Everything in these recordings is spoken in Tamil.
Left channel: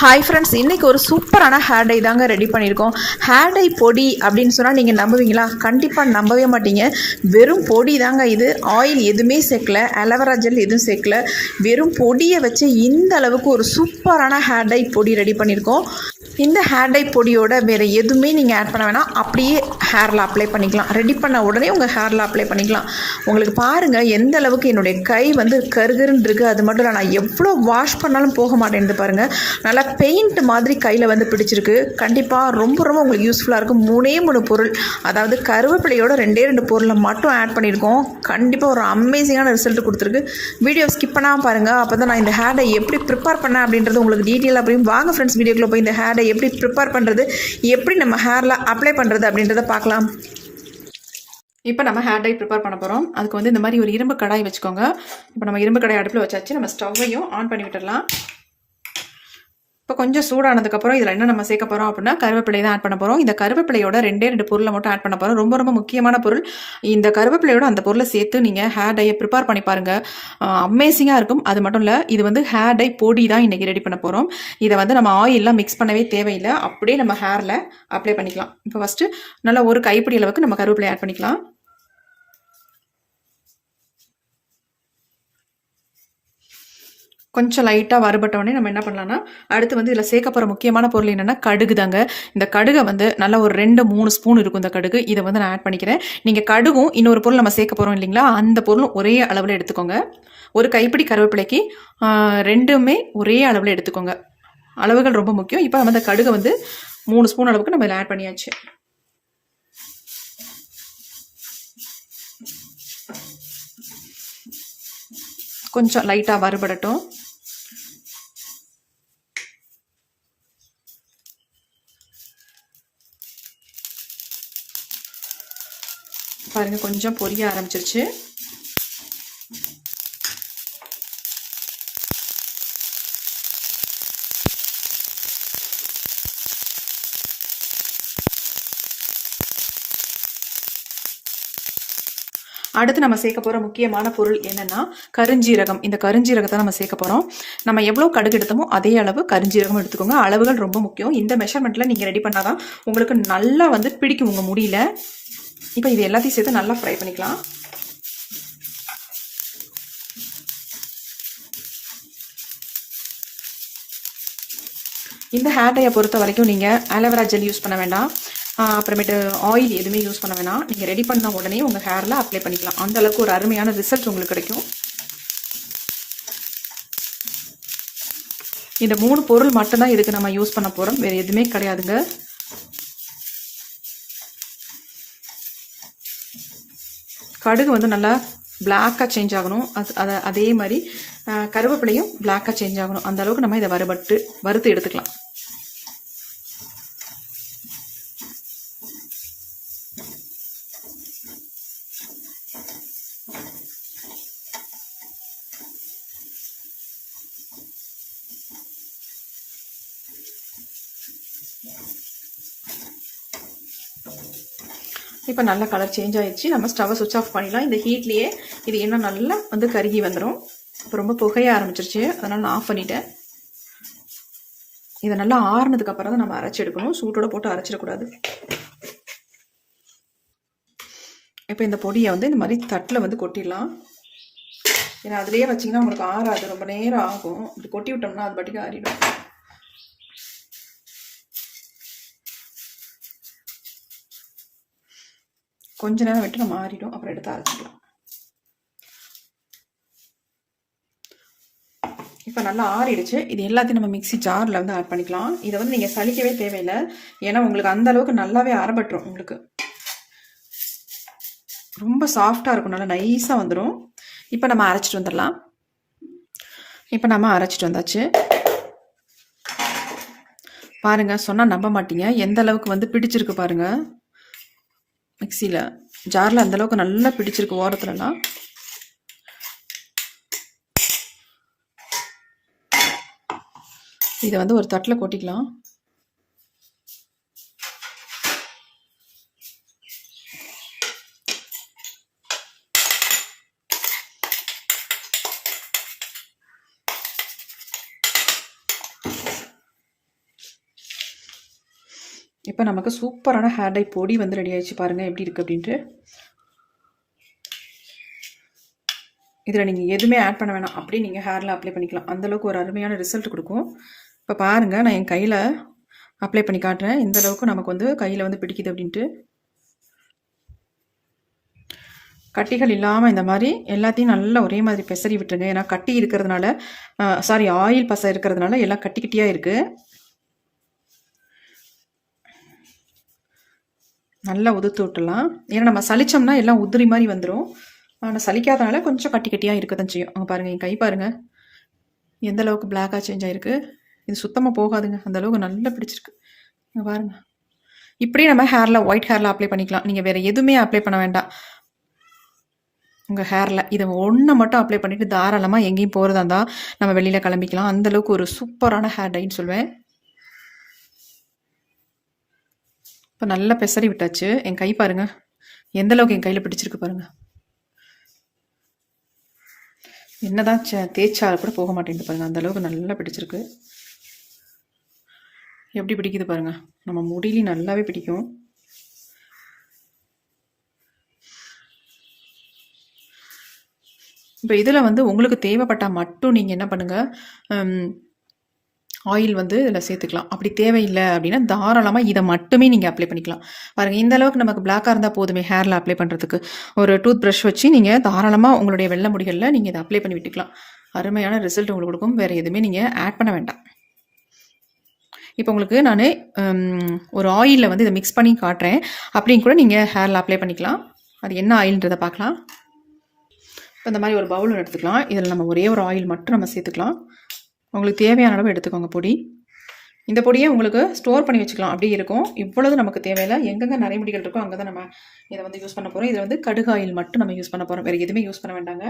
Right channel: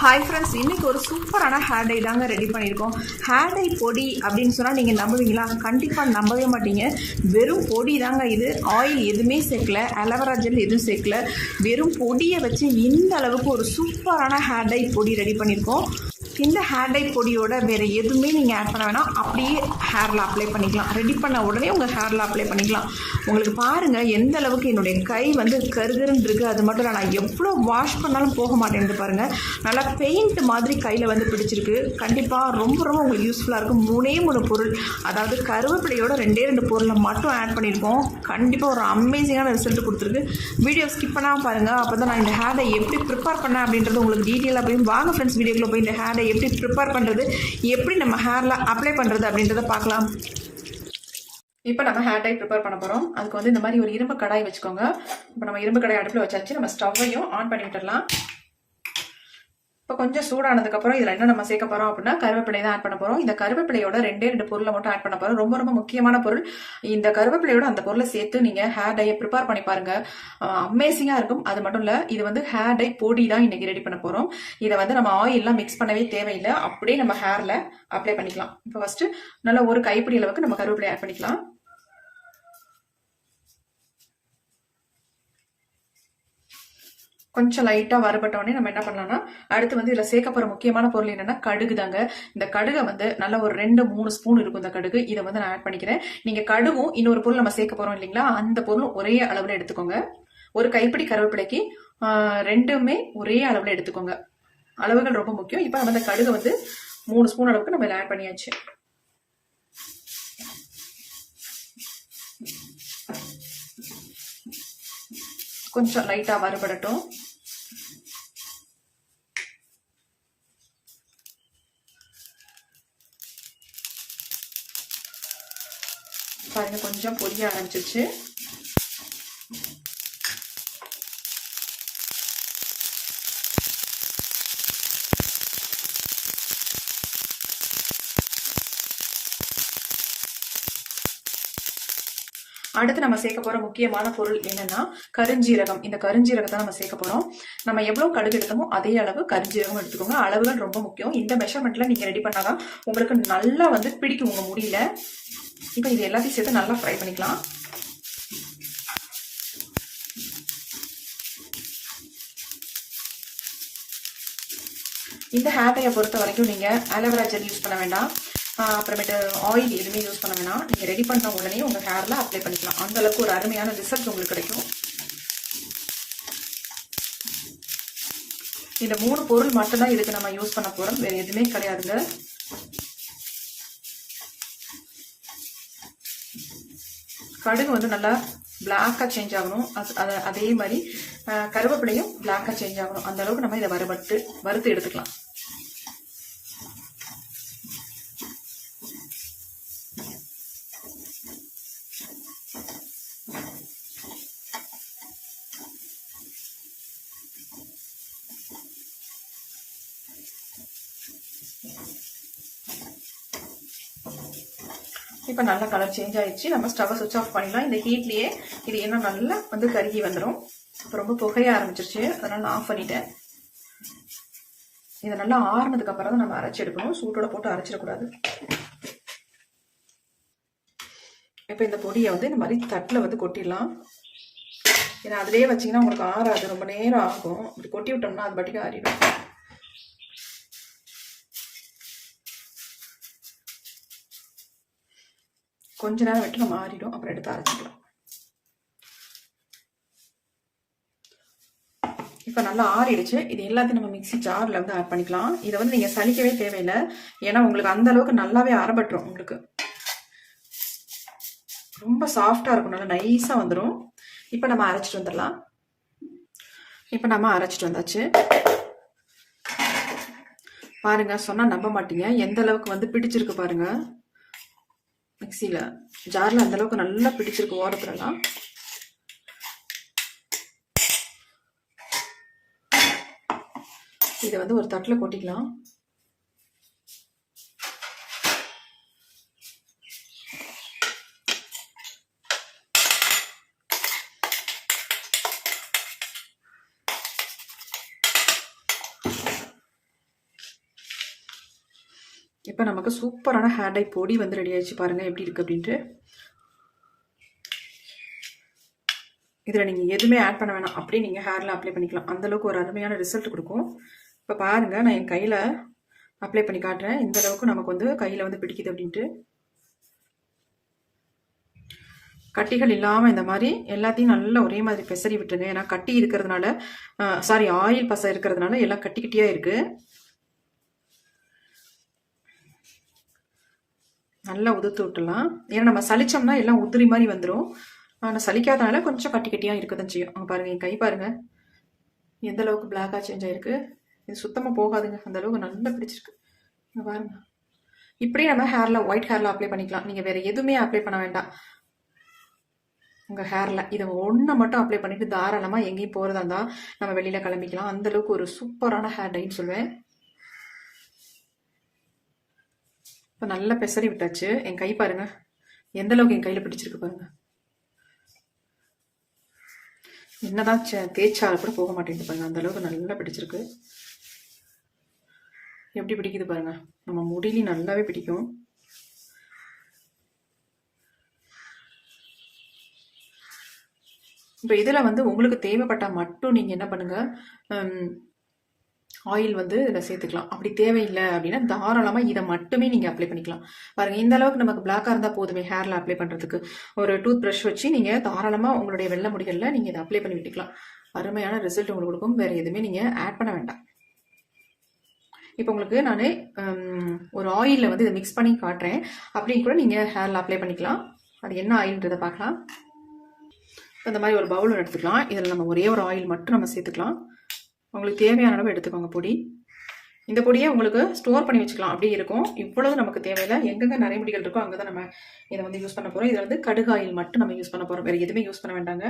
ஹாய் ஃப்ரெண்ட்ஸ், இன்றைக்கி ஒரு சூப்பரான ஹேர் டை தாங்க ரெடி பண்ணியிருக்கோம். ஹேர் டை பொடி அப்படின்னு சொன்னால் நீங்கள் நம்புவீங்களா? கண்டிப்பாக நம்பவே மாட்டீங்க. வெறும் பொடி தாங்க இது. ஆயில் எதுவுமே சேர்க்கல, அலோவேரா ஜெல் எதுவும் சேர்க்கல. வெறும் பொடியை வச்சு இந்த அளவுக்கு ஒரு சூப்பரான ஹேர் டை பொடி ரெடி பண்ணியிருக்கோம். இந்த ஹேர் டை பொடியோட வேறு எதுவுமே நீங்கள் ஆட் பண்ண வேணாம், அப்படியே ஹேரில் அப்ளை பண்ணிக்கலாம். ரெடி பண்ண உடனே உங்கள் ஹேரில் அப்ளை பண்ணிக்கலாம். உங்களுக்கு பாருங்கள் எந்த அளவுக்கு என்னுடைய கை வந்து கருகருன்னு இருக்குது. அது மட்டும் இல்லை, நான் எவ்வளோ வாஷ் பண்ணாலும் போக மாட்டேங்குது பாருங்கள். நல்லா பெயிண்ட் மாதிரி கையில் வந்து பிடிச்சிருக்கு. கண்டிப்பாக ரொம்ப ரொம்ப உங்களுக்கு யூஸ்ஃபுல்லாக இருக்கும். 3 பொருள், அதாவது கருவேப்பிலையோட 2 பொருளை மட்டும் ஆட் பண்ணியிருக்கோம். கண்டிப்பாக ஒரு அமேசிங்கான ரிசல்ட் கொடுத்துருக்கு. வீடியோ ஸ்கிப் பண்ணாமல் பாருங்கள். அப்போ தான் நான் இந்த ஹேர் டை எப்படி ப்ரிப்பேர் பண்ணேன் அப்படின்றது உங்களுக்கு டீட்டெயிலாக போய் வாங்க ஃப்ரெண்ட்ஸ். வீடியோக்குள்ளே போய் இந்த ஹேர் டை எப்படி ப்ரிப்பேர் பண்ணுறது, எப்படி நம்ம ஹேரில் அப்ளை பண்ணுறது அப்படின்றத பார்க்கலாம். இப்போ நம்ம ஹேர் டை ப்ரிப்பேர் பண்ண போகிறோம். அதுக்கு வந்து இந்த மாதிரி ஒரு இரும்பு கடாய் வச்சுக்கோங்க. இப்போ நம்ம இரும்பு கடாய் அடுப்பில் வச்சாச்சு. நம்ம ஸ்டவ்வையும் ஆன் பண்ணி விட்டுடலாம். இப்போ கொஞ்சம் சூடானதுக்கப்புறம் இதில் என்ன நம்ம சேர்க்க போகிறோம் அப்படின்னா கருவேப்பிலை தான் ஆட் பண்ண போகிறோம். இந்த கருவேப்பிலையோட 2 பொருளை மட்டும் ஆட் பண்ண போகிறோம். ரொம்ப ரொம்ப முக்கியமான பொருள். இந்த கருவேப்பிலையோட அந்த பொருளை சேர்த்து நீங்கள் ஹேர் டையை ப்ரிப்பேர் பண்ணி பாருங்கள். அமேசிங்காக இருக்கும். அது மட்டும் இல்லை, இது வந்து ஹேர் டை பொடி தான் இன்றைக்கி ரெடி பண்ண போகிறோம். இதை வந்து நம்ம ஆயிலெலாம் மிக்ஸ் பண்ணவே தேவையில்லை, அப்படியே நம்ம ஹேரில் அப்ளை பண்ணிக்கலாம். இப்போ ஃபஸ்ட்டு நல்லா ஒரு கைப்பிடி அளவுக்கு நம்ம கருவேப்பிலை ஆட் பண்ணிக்கலாம். கொஞ்சம் லைட்டாக வறுபட்டோடனே நம்ம என்ன பண்ணலாம்னா, அடுத்து வந்து இதில் சேர்க்க போகிற முக்கியமான பொருள் என்னென்னா கடுகு தாங்க. இந்த கடுகை வந்து நல்லா ஒரு 2-3 ஸ்பூன் இருக்கும் இந்த கடுகு. இதை வந்து நான் ஆட் பண்ணிக்கிறேன். நீங்கள் கடுகும் இன்னொரு பொருள் நம்ம சேர்க்க போகிறோம் இல்லைங்களா, அந்த பொருளும் ஒரே அளவில் எடுத்துக்கோங்க. ஒரு கைப்பிடி கருவேப்பிலைக்கு 2மே ஒரே அளவில் எடுத்துக்கோங்க. அளவுகள் ரொம்ப முக்கியம். இப்போ நம்ம இந்த கடுகை வந்து 3 ஸ்பூன் அளவுக்கு நம்ம இதில் ஆட் பண்ணியாச்சு. கொஞ்சம் லைட்டாக வறுபடட்டும். பாருங்க, கொஞ்சம் பொரிய ஆரம்பிச்சிருச்சு. அடுத்து நம்ம சேர்க்க போகிற முக்கியமான பொருள் என்னென்னா கருஞ்சீரகம். இந்த கருஞ்சீரகத்தை நம்ம சேர்க்க போகிறோம். நம்ம எவ்வளோ கடுகு எடுத்தோமோ அதே அளவு கருஞ்சீரகம் எடுத்துக்கோங்க. அளவுகள் ரொம்ப முக்கியம். இந்த மெஷர்மெண்ட்டில் நீங்கள் ரெடி பண்ணால் தான் உங்களுக்கு நல்லா வந்து பிடிக்கும் உங்கள் முடியல. இப்போ இது எல்லாத்தையும் சேர்த்து நல்லா ஃப்ரை பண்ணிக்கலாம். இந்த ஹேர் டையை பொறுத்த வரைக்கும் நீங்கள் அலோவேரா ஜெல் யூஸ் பண்ண வேண்டாம், அப்புறமேட்டு ஆயில் எதுவுமே யூஸ் பண்ண வேணாம். நீங்கள் ரெடி பண்ண உடனே உங்கள் ஹேரில் அப்ளை பண்ணிக்கலாம். அந்த அளவுக்கு ஒரு அருமையான ரிசல்ட் உங்களுக்கு கிடைக்கும். இந்த 3 பொருள் மட்டும்தான் இதுக்கு நம்ம யூஸ் பண்ண போகிறோம், வேறு எதுவுமே கிடையாதுங்க. கடுகு வந்து நல்லா பிளாக்காக சேஞ்ச் ஆகணும். அதே மாதிரி கருவேப்பிலையும் பிளாக்காக சேஞ்ச் ஆகணும். அந்த அளவுக்கு நம்ம இதை வறுத்து எடுத்துக்கலாம். இப்போ நல்லா கலர் சேஞ்ச் ஆயிடுச்சு. நம்ம ஸ்டவ்வை சுவிட்ச் ஆஃப் பண்ணிடலாம். இந்த ஹீட்லேயே இது இன்னும் நல்லா வந்து கருகி வந்துடும். இப்போ ரொம்ப புகைய ஆரம்பிச்சிருச்சு, அதனால் நான் ஆஃப் பண்ணிட்டேன். இதை நல்லா ஆறுனதுக்கு அப்புறம் தான் நம்ம அரைச்சி எடுக்கணும். சூட்டோட போட்டு அரைச்சிடக்கூடாது. இப்போ இந்த பொடியை வந்து இந்த மாதிரி தட்டில் வந்து கொட்டிடலாம். ஏன்னா அதிலேயே வச்சிங்கன்னா உங்களுக்கு ஆறாது, ரொம்ப நேரம் ஆகும். இப்படி கொட்டி விட்டோம்னா அது பாட்டுக்கு ஆறிடும். கொஞ்ச நேரம் விட்டு நம்ம ஆறிடும், அப்புறம் எடுத்து அரைச்சிடும். இப்போ நல்லா ஆறிடுச்சு. இது எல்லாத்தையும் நம்ம மிக்ஸி ஜாரில் வந்து ஆட் பண்ணிக்கலாம். இதை வந்து நீங்கள் சலிக்கவே தேவையில்லை, ஏன்னா உங்களுக்கு அந்த அளவுக்கு நல்லாவே அரைப்பட்டுரும். உங்களுக்கு ரொம்ப சாஃப்டாக இருக்கும், நல்லா நைஸாக வந்துடும். இப்போ நம்ம அரைச்சிட்டு வந்துடலாம். இப்போ நம்ம அரைச்சிட்டு வந்தாச்சு. பாருங்கள், சொன்னால் நம்ப மாட்டீங்க எந்த அளவுக்கு வந்து பிடிச்சிருக்கு பாருங்கள். மிக்சியில் ஜாரில் அந்தளவுக்கு நல்லா பிடிச்சிருக்கு ஓரத்துலலாம். இதை வந்து ஒரு தட்டில் கொட்டிக்கலாம். இப்போ நமக்கு சூப்பரான ஹேர் டை பொடி வந்து ரெடி ஆயிடுச்சு. பாருங்கள் எப்படி இருக்குது அப்படின்ட்டு. இதில் நீங்கள் எதுவுமே ஆட் பண்ண வேணாம், அப்படியே நீங்கள் ஹேரில் அப்ளை பண்ணிக்கலாம். அந்தளவுக்கு ஒரு அருமையான ரிசல்ட் கொடுக்கும். இப்போ பாருங்கள், நான் என் கையில் அப்ளை பண்ணி காட்டுறேன். இந்த அளவுக்கு நமக்கு வந்து கையில் வந்து பிடிக்குது அப்படின்ட்டு. கட்டிகள் இல்லாமல் இந்த மாதிரி எல்லாத்தையும் நல்லா ஒரே மாதிரி பெசரி விட்டுருங்க. ஏன்னா கட்டி இருக்கிறதுனால, ஆயில் பசை இருக்கிறதுனால எல்லாம் கட்டி கட்டியாக இருக்குது. நல்லா உதுத்து விட்டுலாம். ஏன்னா நம்ம சலிச்சோம்னா எல்லாம் உதிரி மாதிரி வந்துடும். ஆனால் சலிக்காதனால கொஞ்சம் கட்டி கட்டியாக இருக்க தான் செய்யும். அங்கே பாருங்கள், என் கை பாருங்கள் எந்த அளவுக்கு பிளாக்காக சேஞ்ச் ஆகிருக்கு. இது சுத்தமாக போகாதுங்க, அந்த அளவுக்கு நல்லா பிடிச்சிருக்கு. இங்கே பாருங்கள், இப்படியே நம்ம ஹேரில் ஒயிட் ஹேரில் அப்ளை பண்ணிக்கலாம். நீங்கள் வேறு எதுவுமே அப்ளை பண்ண வேண்டாம். உங்கள் ஹேரில் இதை ஒன்று மட்டும் அப்ளை பண்ணிவிட்டு தாராளமாக எங்கேயும் போகிறதா இருந்தால் நம்ம வெளியில் கிளம்பிக்கலாம். அந்தளவுக்கு ஒரு சூப்பரான ஹேர் டைன்னு சொல்வேன். இப்போ நல்லா பெசரி விட்டாச்சு. என் கை பாருங்கள் எந்த அளவுக்கு என் கையில் பிடிச்சிருக்கு பாருங்கள். என்னதான் தேய்ச்சால கூட போக மாட்டேங்குது பாருங்கள், அந்த அளவுக்கு நல்லா பிடிச்சிருக்கு. எப்படி பிடிக்குது பாருங்கள், நம்ம முடியிலையும் நல்லாவே பிடிக்கும். இப்போ இதில் வந்து உங்களுக்கு தேவைப்பட்டால் மட்டும் நீங்கள் என்ன பண்ணுங்கள், ஆயில் வந்து இதில் சேர்த்துக்கலாம். அப்படி தேவையில்லை அப்படின்னா தாராளமாக இதை மட்டுமே நீங்கள் அப்ளை பண்ணிக்கலாம். பாருங்கள், இந்த அளவுக்கு நமக்கு பிளாக்காக இருந்தால் போதுமே ஹேரில் அப்ளை பண்ணுறதுக்கு. ஒரு டூத் ப்ரஷ் வச்சு நீங்கள் தாராளமாக உங்களுடைய வெள்ளை முடிகளில் நீங்கள் இதை அப்ளை பண்ணி விட்டுக்கலாம். அருமையான ரிசல்ட் உங்களுக்கு கொடுக்கும். வேறு எதுவுமே நீங்கள் ஆட் பண்ண வேண்டாம். இப்போ உங்களுக்கு நான் ஒரு ஆயிலில் வந்து இதை மிக்ஸ் பண்ணி காட்டுறேன். அப்படின்னு கூட நீங்கள் ஹேரில் அப்ளை பண்ணிக்கலாம். அது என்ன ஆயில்ன்றதை பார்க்கலாம். இப்போ இந்த மாதிரி ஒரு பவுல் எடுத்துக்கலாம். இதில் நம்ம ஒரே ஒரு ஆயில் மட்டும் நம்ம சேர்த்துக்கலாம். உங்களுக்கு தேவையான அளவு எடுத்துக்கோங்க பொடி. இந்த பொடியை உங்களுக்கு ஸ்டோர் பண்ணி வச்சுக்கலாம், அப்படியே இருக்கும். இவ்வளவு நமக்கு தேவையில்லை. எங்கெங்கே நிறைய முடிகள் இருக்கோ அங்கே தான் நம்ம இதை வந்து யூஸ் பண்ண போகிறோம். இதில் வந்து கடுகு ஆயில் மட்டும் நம்ம யூஸ் பண்ண போகிறோம், வேறு எதுவுமே யூஸ் பண்ண வேண்டாங்க.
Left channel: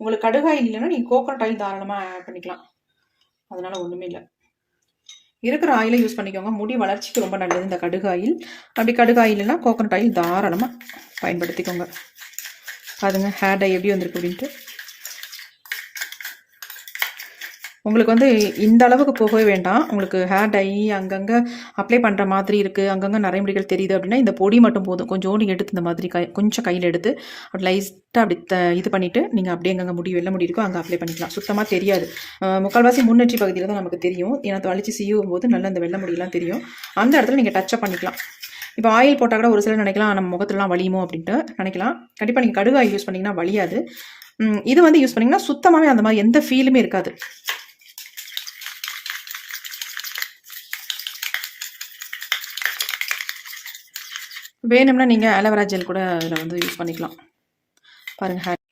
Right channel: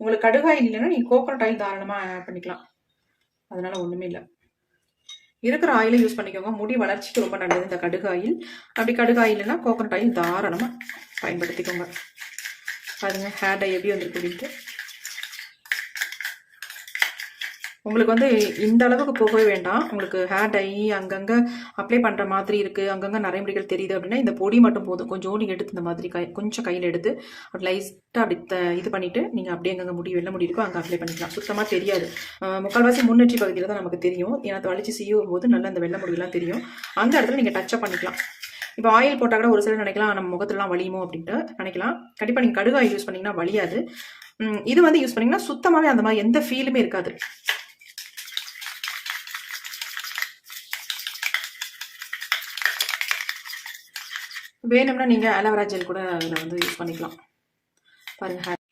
உங்களுக்கு கடுகு ஆயில் இல்லைன்னா நீங்கள் கோகோனட் ஆயில் தாராளமாக ஆட் பண்ணிக்கலாம், அதனால் ஒன்றுமே இல்லை. இருக்கிற ஆயிலை யூஸ் பண்ணிக்கோங்க. முடி வளர்ச்சிக்கு ரொம்ப நல்லது இந்த கடுகு ஆயில். அப்படி கடுகு ஆயில் இல்லைன்னா கோகோனட் ஆயில் தாராளமாக பயன்படுத்திக்கோங்க. பாருங்க ஹேர் டை எப்படி வந்திருக்கு அப்படின்ட்டு. உங்களுக்கு வந்து இந்த அளவுக்கு போகவே வேண்டாம். உங்களுக்கு ஹேர் டை அங்கங்கே அப்ளை பண்ணுற மாதிரி இருக்குது, அங்கங்கே நிறைய முடிகள் தெரியுது அப்படின்னா இந்த பொடி மட்டும் போதும். கொஞ்சோண்டு எடுத்து இந்த மாதிரி கொஞ்சம் கையில் எடுத்து அப்படி லைட்டாக அப்படி இது பண்ணிவிட்டு நீங்கள் அப்படியே அங்கங்கே முடி வெள்ளை முடி இருக்கோ அங்கே அப்ளை பண்ணிக்கலாம். சுத்தமாக தெரியாது. முக்கால்வாசி முன்னெற்றி பகுதியில் தான் நமக்கு தெரியும். ஏன்னா தொலைச்சி செய்யும் போது நல்லா அந்த வெள்ளை முடியெல்லாம் தெரியும். அந்த இடத்துல நீங்கள் டச்சப் பண்ணிக்கலாம். இப்போ ஆயில் போட்டால் கூட ஒரு சிலர் நினைக்கலாம் நம்ம முகத்துலலாம் வலியுமோ அப்படின்ட்டு நினைக்கலாம். கண்டிப்பாக நீங்கள் கடுகு ஆயில் யூஸ் பண்ணிங்கன்னா வலியாது. இது வந்து யூஸ் பண்ணிங்கன்னா சுத்தமாகவே அந்த மாதிரி எந்த ஃபீலுமே இருக்காது. வேணும்னா நீங்கள் அலோவேரா ஜெல் கூட இதில் வந்து யூஸ் பண்ணிக்கலாம். பாருங்கள், ஹேர்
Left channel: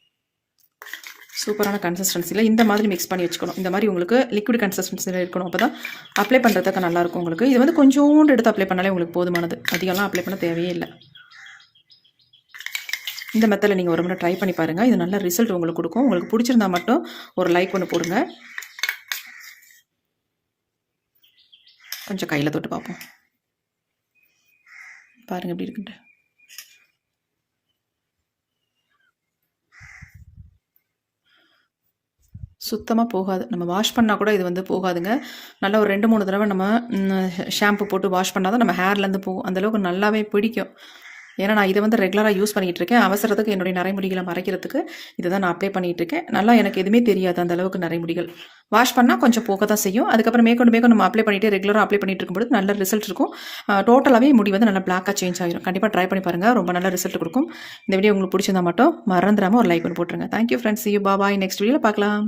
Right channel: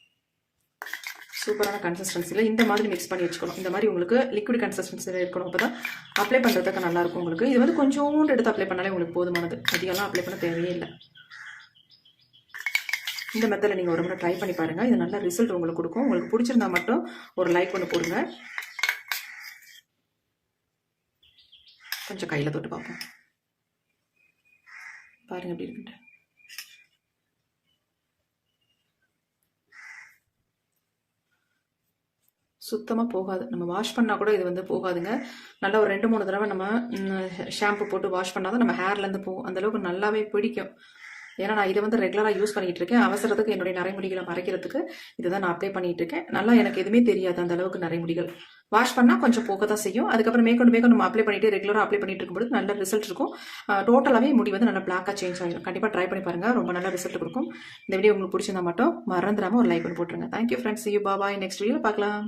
சூப்பரான கன்சிஸ்டன்சியில் இந்த மாதிரி மிக்ஸ் பண்ணி வச்சுக்கணும். இந்த மாதிரி உங்களுக்கு லிக்விட் கன்சிஸ்டன்சியில் இருக்கணும். அப்போ தான் அப்ளை பண்ணுறதுக்கு நல்லாயிருக்கும் உங்களுக்கு. இது வந்து கொஞ்சோண்டு எடுத்து அப்ளை பண்ணாலே உங்களுக்கு போதுமானது. அதிகமாக அப்ளை பண்ண தேவையே இல்லை. இந்த மெத்தடில் நீங்கள் ஒரு முறை ட்ரை பண்ணி பாருங்கள். இது நல்ல ரிசல்ட் உங்களுக்கு கொடுக்கும். உங்களுக்கு பிடிச்சிருந்தா மட்டும் ஒரு லைக் ஒன்று போடுங்க. கொஞ்சம் கையில் தொட்டு பார்ப்போம். பாருங்கள் எப்படி இருக்குன்ட்டு. சுத்தமாக போகாது. நம்ம வாஷ் பண்ணால் கூட இது வந்து போகாதுங்க. நல்லா ஒரு 2-3 தடவை நம்ம ஷாம்பு போட்டு வாஷ் பண்ணால் தான் நம்ம ஹேர்லேருந்து போகும். அந்தளவுக்கு நல்லாவே பிடிக்கும். ஏன்னா நான் இதை வந்து ரெகுலராக யூஸ் பண்ணிகிட்டு இருக்கேன். அவசரத்துக்கு என்னுடைய நரைமுடிகளை மறைக்கிறதுக்கு இதை தான் நான் அப்ளை பண்ணிகிட்டு இருக்கேன். நல்லா எனக்கு எதுவுமே தெரியாது அந்த அளவுக்கு நரைமுடிகள். வாஷ் பண்ணால் கொஞ்சம் போக தான் செய்யும். அதுக்கப்புறம் மேற்கொண்டு நம்ம அப்ளை பண்ணிவிட்டு ரெகுலராக அப்ளை பண்ணிட்டு இருக்கும்போது நல்ல ரிசல்ட் இருக்கும். டோட்டலாகவே முடி வந்து நல்லா பிளாக்காக சேஞ்ச் ஆகிடும். கண்டிப்பாக ட்ரை பண்ணி பாருங்கள், ரொம்ப நல்ல ரிசல்ட் கொடுக்கும். இந்த வீடியோ உங்களுக்கு பிடிச்சிருந்தா மட்டும் மறந்துடாமல் ஒரு லைக் பண்ணி போட்டுருங்க. Thank you friends. You bye. Next வீடியோவில் பார்க்கலாம்.